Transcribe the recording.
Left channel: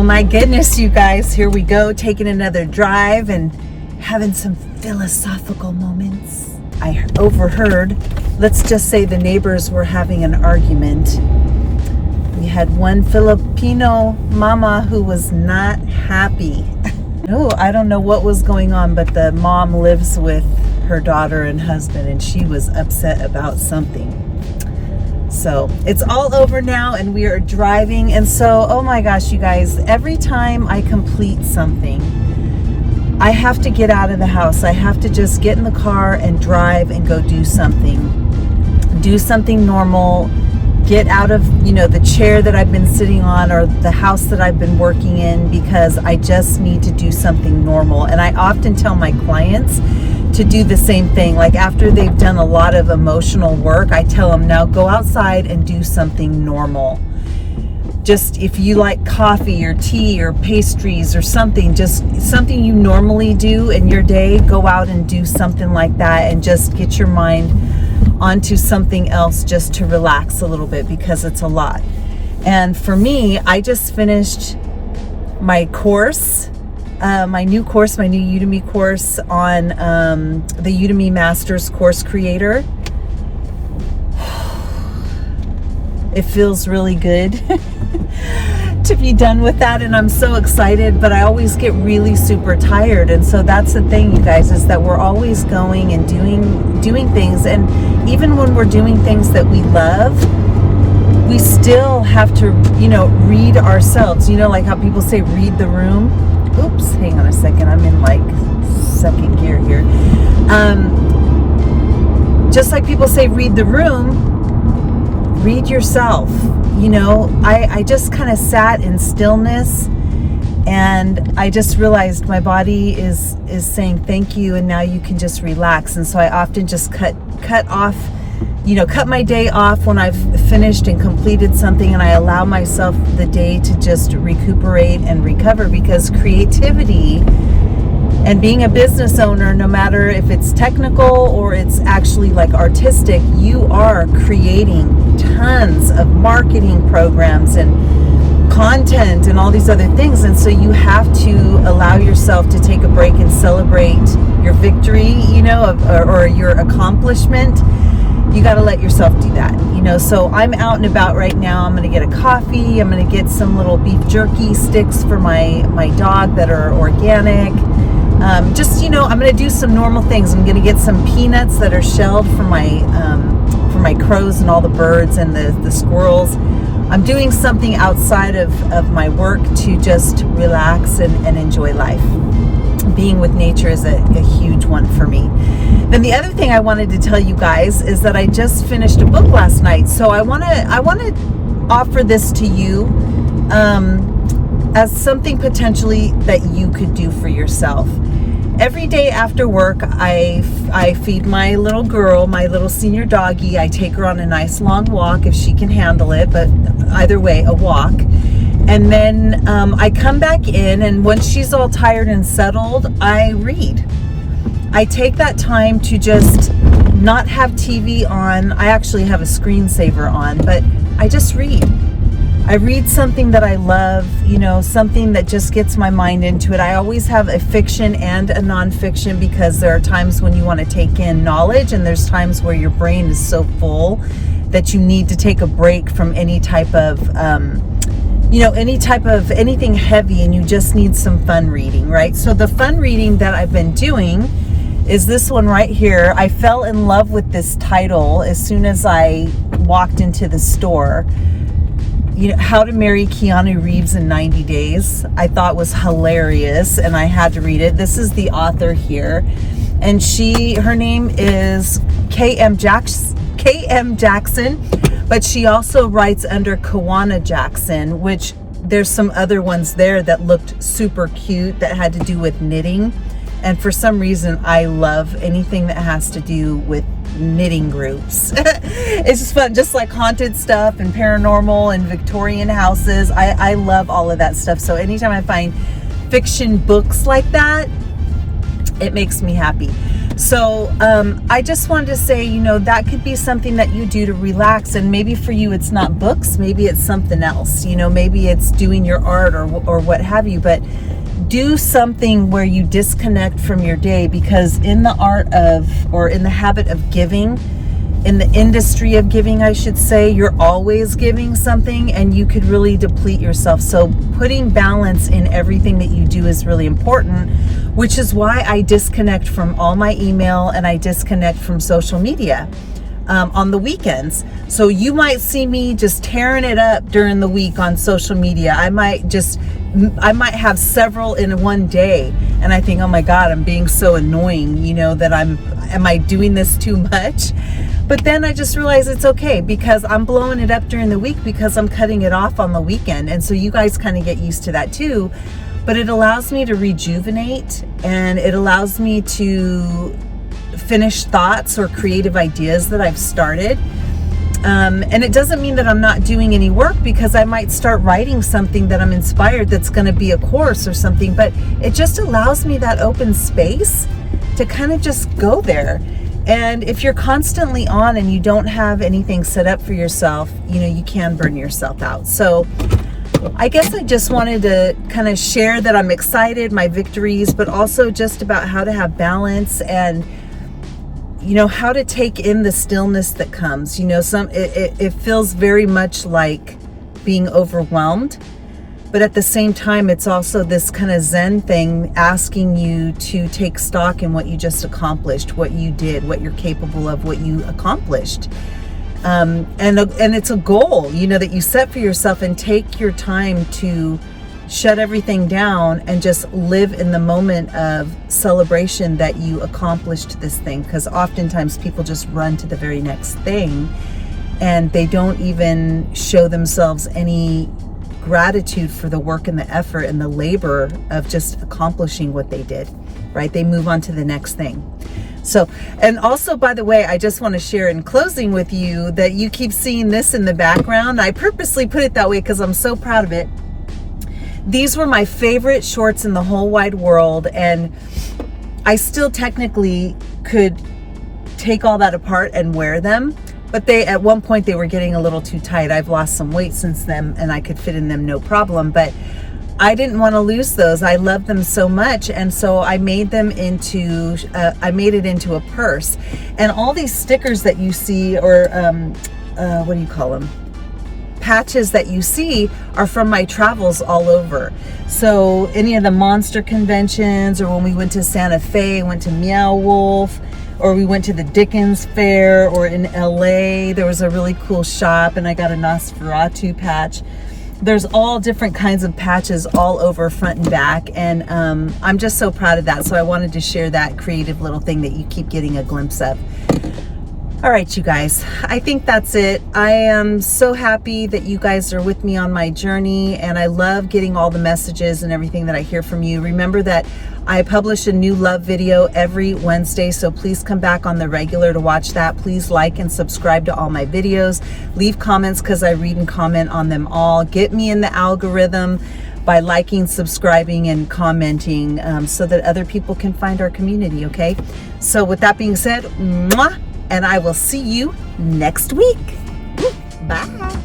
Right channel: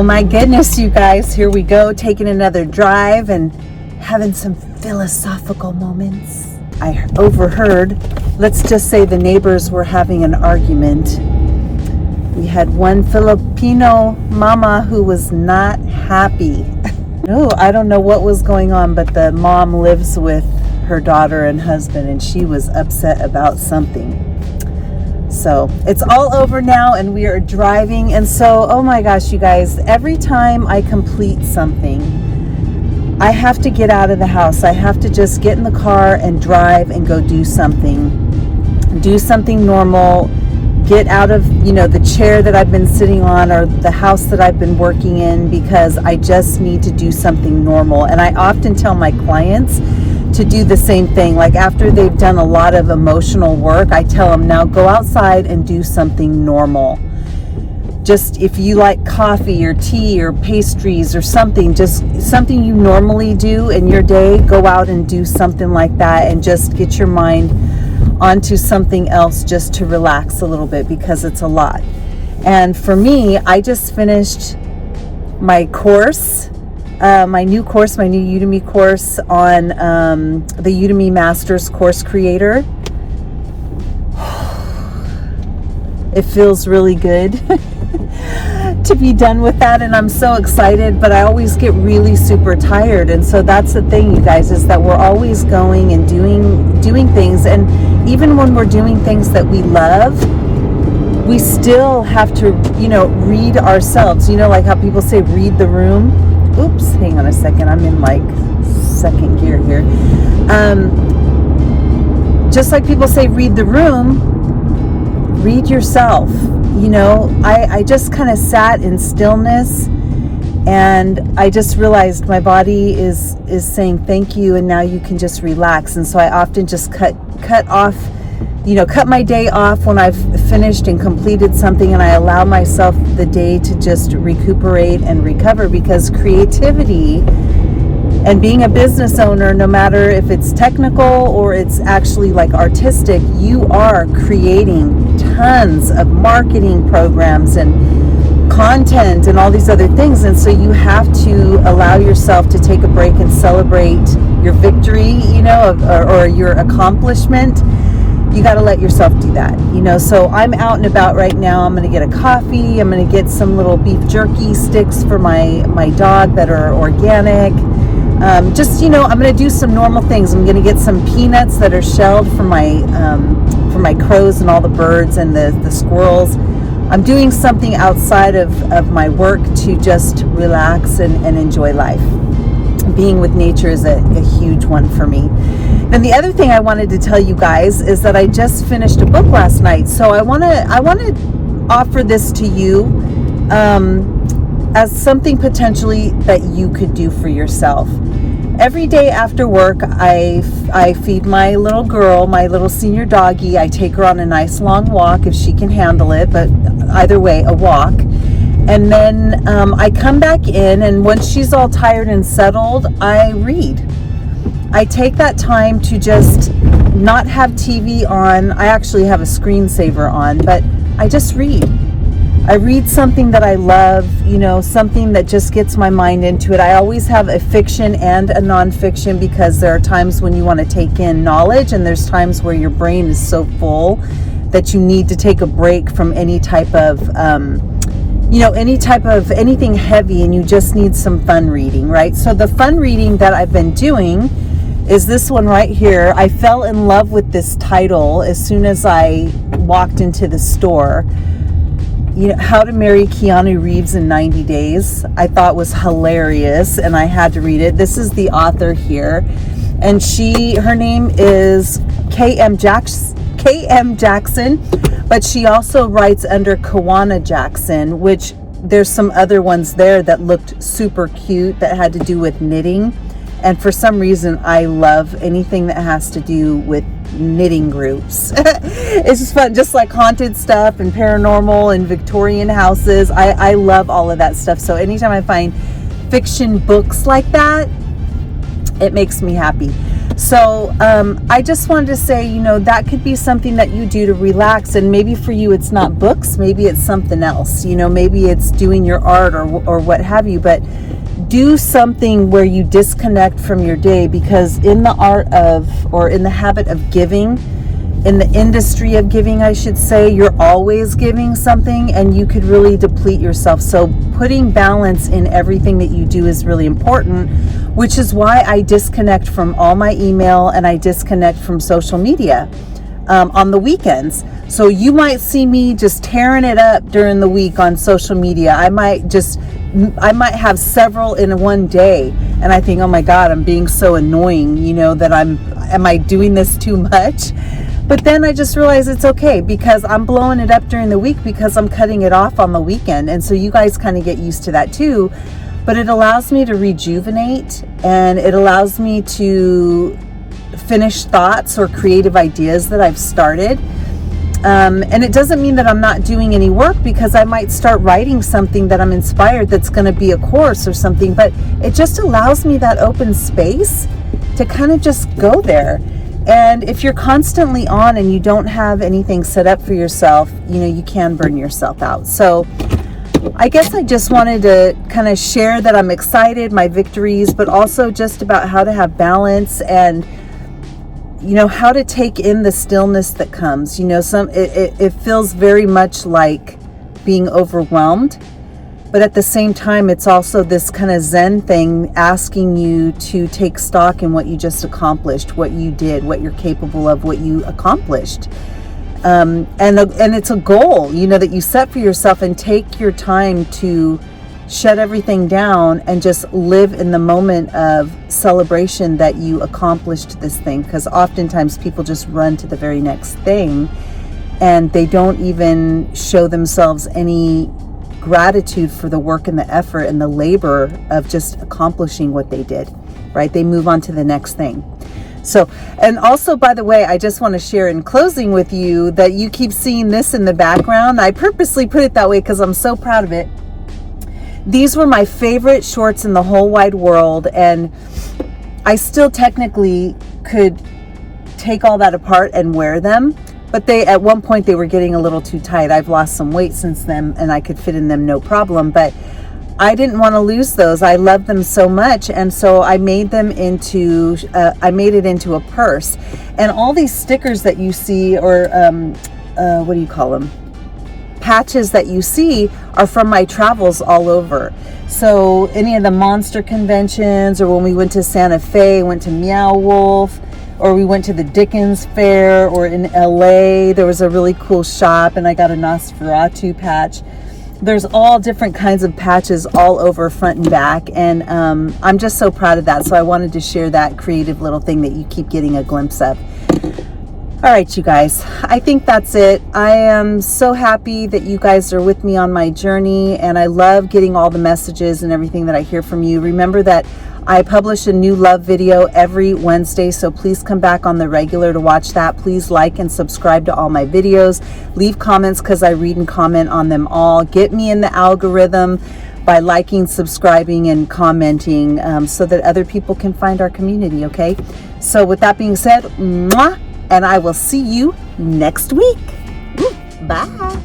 Oh my goodness, you guys, here we go, taking another drive and having some philosophical moments. I overheard, let's just say the neighbors were having an argument. We had one Filipino mama who was not happy. No, I don't know what was going on, but the mom lives with her daughter and husband, and she was upset about something. So it's all over now, and we are driving. And so, oh my gosh, you guys, every time I complete something, I have to get out of the house. I have to just get in the car and drive and go do something normal. Get out of, the chair that I've been sitting on or the house that I've been working in, because I just need to do something normal. And I often tell my clients to do the same thing. Like after they've done a lot of emotional work, I tell them, now go outside and do something normal. Just if you like coffee or tea or pastries or something, just something you normally do in your day, go out and do something like that and just get your mind onto something else just to relax a little bit, because it's a lot. And for me, I just finished my course, my new Udemy course on the Udemy Masters Course Creator. It feels really good to be done with that, and I'm so excited, but I always get really super tired. And so that's the thing, you guys, is that we're always going and doing things, and even when we're doing things that we love, we still have to, read ourselves. Like how people say read the room. Oops, hang on a second, I'm in like second gear here. Just like people say read the room, read yourself. I just kind of sat in stillness, and I just realized my body is saying thank you, and now you can just relax. And so I often just cut my day off when I've finished and completed something, and I allow myself the day to just recuperate and recover, because creativity and being a business owner, no matter if it's technical or it's actually like artistic, you are creating tons of marketing programs and content and all these other things. And so you have to allow yourself to take a break and celebrate your victory, or your accomplishment. You got to let yourself do that, So I'm out and about right now. I'm going to get a coffee. I'm going to get some little beef jerky sticks for my dog that are organic. I'm going to do some normal things. I'm going to get some peanuts that are shelled for my crows and all the birds and the squirrels. I'm doing something outside of my work to just relax and enjoy life. Being with nature is a huge one for me. And the other thing I wanted to tell you guys is that I just finished a book last night. So I want to offer this to you as something potentially that you could do for yourself. Every day after work, I feed my little girl, my little senior doggie. I take her on a nice long walk if she can handle it, but either way, a walk. And then I come back in, and once she's all tired and settled, I read. I take that time to just not have TV on. I actually have a screensaver on, but I just read. I read something that I love, something that just gets my mind into it. I always have a fiction and a nonfiction, because there are times when you want to take in knowledge, and there's times where your brain is so full that you need to take a break from any type of anything heavy, and you just need some fun reading, right? So the fun reading that I've been doing is this one right here. I fell in love with this title as soon as I walked into the store. How to Marry Keanu Reeves in 90 Days. I thought was hilarious, and I had to read it. This is the author here, and her name is K.M. Jackson, but she also writes under Kawana Jackson, which there's some other ones there that looked super cute that had to do with knitting. And for some reason, I love anything that has to do with knitting groups. It's just fun, just like haunted stuff and paranormal and Victorian houses. I love all of that stuff. So anytime I find fiction books like that, it makes me happy. So I just wanted to say, that could be something that you do to relax. And maybe for you, it's not books. Maybe it's something else. Maybe it's doing your art or what have you. But do something where you disconnect from your day, because in the art of, or in the habit of giving, in the industry of giving, I should say, you're always giving something and you could really deplete yourself. So putting balance in everything that you do is really important, which is why I disconnect from all my email and I disconnect from social media on the weekends. So you might see me just tearing it up during the week on social media. I might have several in one day, and I think, oh my God, I'm being so annoying, that am I doing this too much? But then I just realized it's okay, because I'm blowing it up during the week because I'm cutting it off on the weekend. And so you guys kind of get used to that too. But it allows me to rejuvenate, and it allows me to finish thoughts or creative ideas that I've started. And it doesn't mean that I'm not doing any work, because I might start writing something that I'm inspired that's going to be a course or something. But it just allows me that open space to kind of just go there. And if you're constantly on and you don't have anything set up for yourself, you can burn yourself out. So I guess I just wanted to kind of share that I'm excited, my victories, but also just about how to have balance and, how to take in the stillness that comes. It feels very much like being overwhelmed. But at the same time, it's also this kind of Zen thing, asking you to take stock in what you just accomplished, what you did, what you're capable of, what you accomplished. And it's a goal, that you set for yourself, and take your time to shut everything down and just live in the moment of celebration that you accomplished this thing. Because oftentimes people just run to the very next thing and they don't even show themselves any gratitude for the work and the effort and the labor of just accomplishing what they did, right? They move on to the next thing. So, and also, by the way, I just want to share in closing with you that you keep seeing this in the background. I purposely put it that way because I'm so proud of it. These were my favorite shorts in the whole wide world, and I still technically could take all that apart and wear them. But at one point they were getting a little too tight. I've lost some weight since then, and I could fit in them no problem. But I didn't want to lose those. I love them so much, and so I made them into. I made it into a purse. And all these stickers that you see, or what do you call them? Patches that you see are from my travels all over. So any of the monster conventions, or when we went to Santa Fe, went to Meow Wolf, or we went to the Dickens Fair, or in LA, there was a really cool shop and I got a Nosferatu patch. There's all different kinds of patches all over front and back, and I'm just so proud of that. So I wanted to share that creative little thing that you keep getting a glimpse of. All right, you guys, I think that's it. I am so happy that you guys are with me on my journey, and I love getting all the messages and everything that I hear from you. Remember that I publish a new love video every Wednesday, so please come back on the regular to watch that. Please like and subscribe to all my videos. Leave comments, because I read and comment on them all. Get me in the algorithm by liking, subscribing, and commenting, so that other people can find our community, okay? So with that being said, mwah, and I will see you next week. Bye.